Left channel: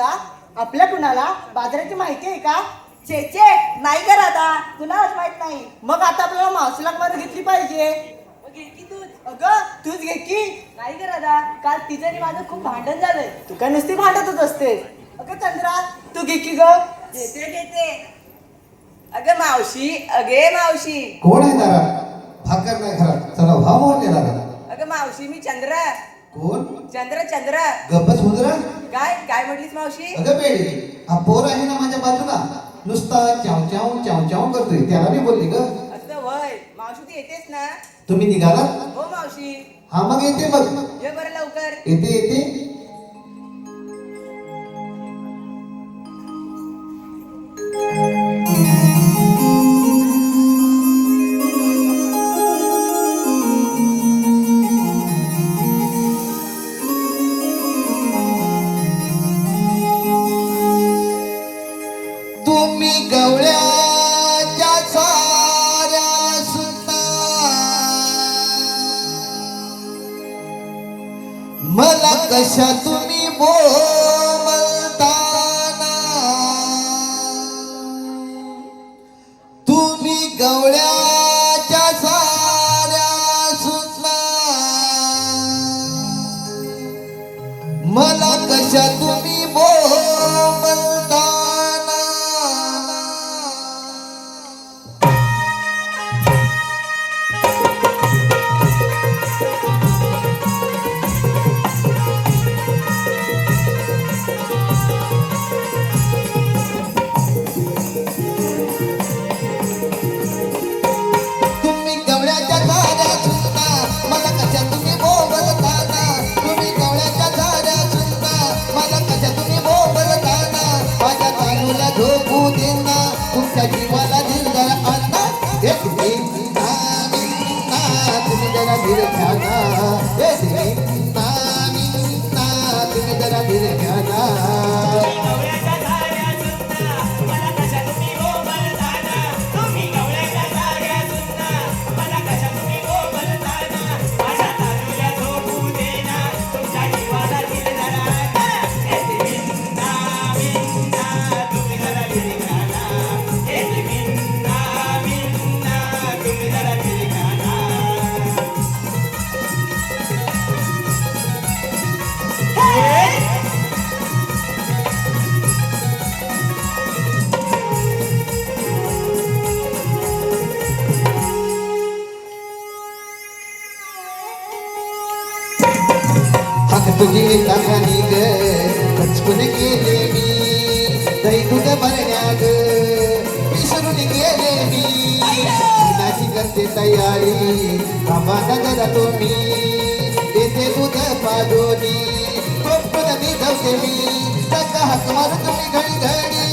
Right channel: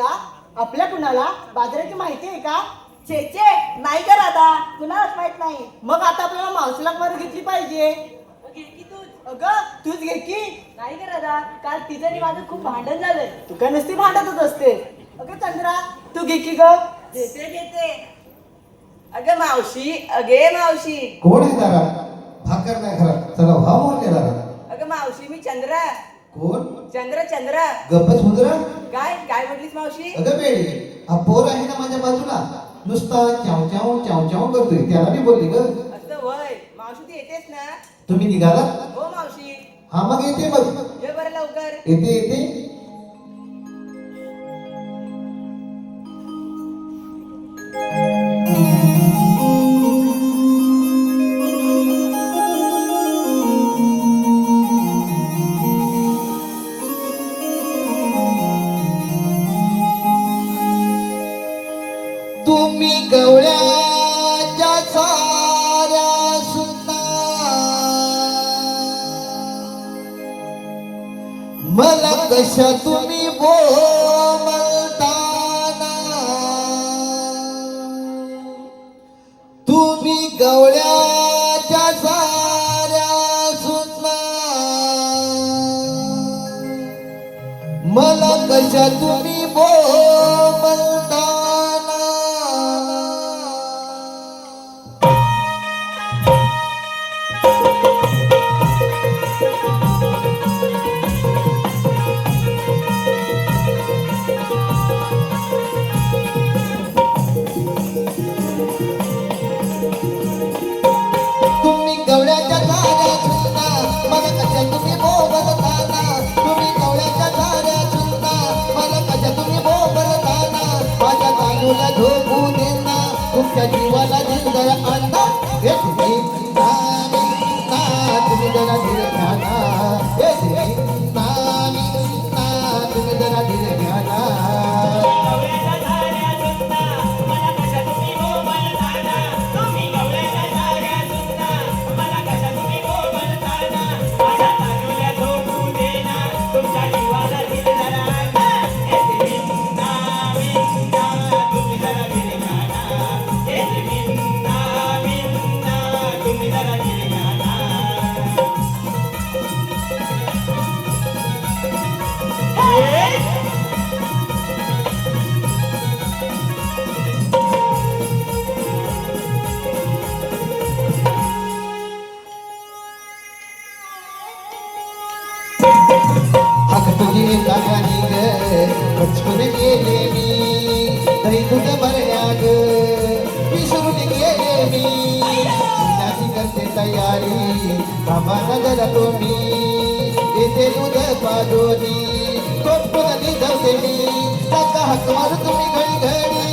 का? आपल्या कुणाला बाजाराची माहिती आहे का? छे छे, नाही का राधा, कुणालाच माहित नाही. मग आता आपल्याला मावशीला बाजार घेतली पाहिजे. घे की तूच. अगं तूच घे की. नाही का राधा, काल तिचं आणि माझं खूप भांडण झालंय. तू काय नुसती भांडतच असते. अगं चंद्रा तू घे की ग. घेते. अगं मावशी, अगे मावशी. कोण आहे दारात? भाकर नाही घरात, चला व्हा मोरलेला घरात. अगं मावशी, मी चंद्रा. कोण? चंद्र. गप्पच हुंदरा. काय म्हटलीस मावशी? अगं बेडी, हा पोर आहे ना माझ्या बाजूला, नुसता चाव चाव चाव चाव करतोय, त्याला मी बोलली ग. असं वय, मावशी तू येतेस ना? तुम्ही निघाला? हो मावशी. हा मग येते मग. ये बरं लवकर. येते. तुम्ही गवळ्याच्या साऱ्या सुना मला कशा तुम्ही बोलताना, तुम्ही गवळ्याच्या साऱ्या सुना मला कशा तुम्ही बोलताना. तुम्ही गवळ्याच्या झाड्या सुंदा मला कशा तुम्ही बोलताना, तुम्ही गवळ्याच्या झाड्या सुंदा मला कशा तुम्ही बोलताना, माझ्या बाजूला झोपू देना तुमच्या जीवाला दिलदार अंडा. हे तुम्ही तुम्ही जरा धीरे घ्या ना, हे तुम्ही जरा धीरे घ्या ना. हक तुझी लागणी ग, बचकून गेले मी दैवत भरण्या ग, विसरून गेले मी नाची करते तयारी, बाबा जरा तुम्ही देते दूध पाजोनी, टोप नदी धरते मी काका हक मार तुम्ही घडी घडी,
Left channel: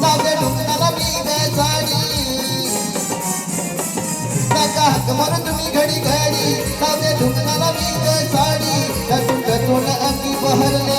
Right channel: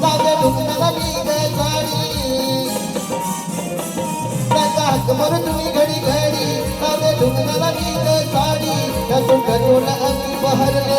जाऊद्या ढुकणाला मी ग साडी, काका हक मार तुम्ही घडी घडी, जाऊद्या ढुकणाला मी ग साडी, करून अंगी बहरली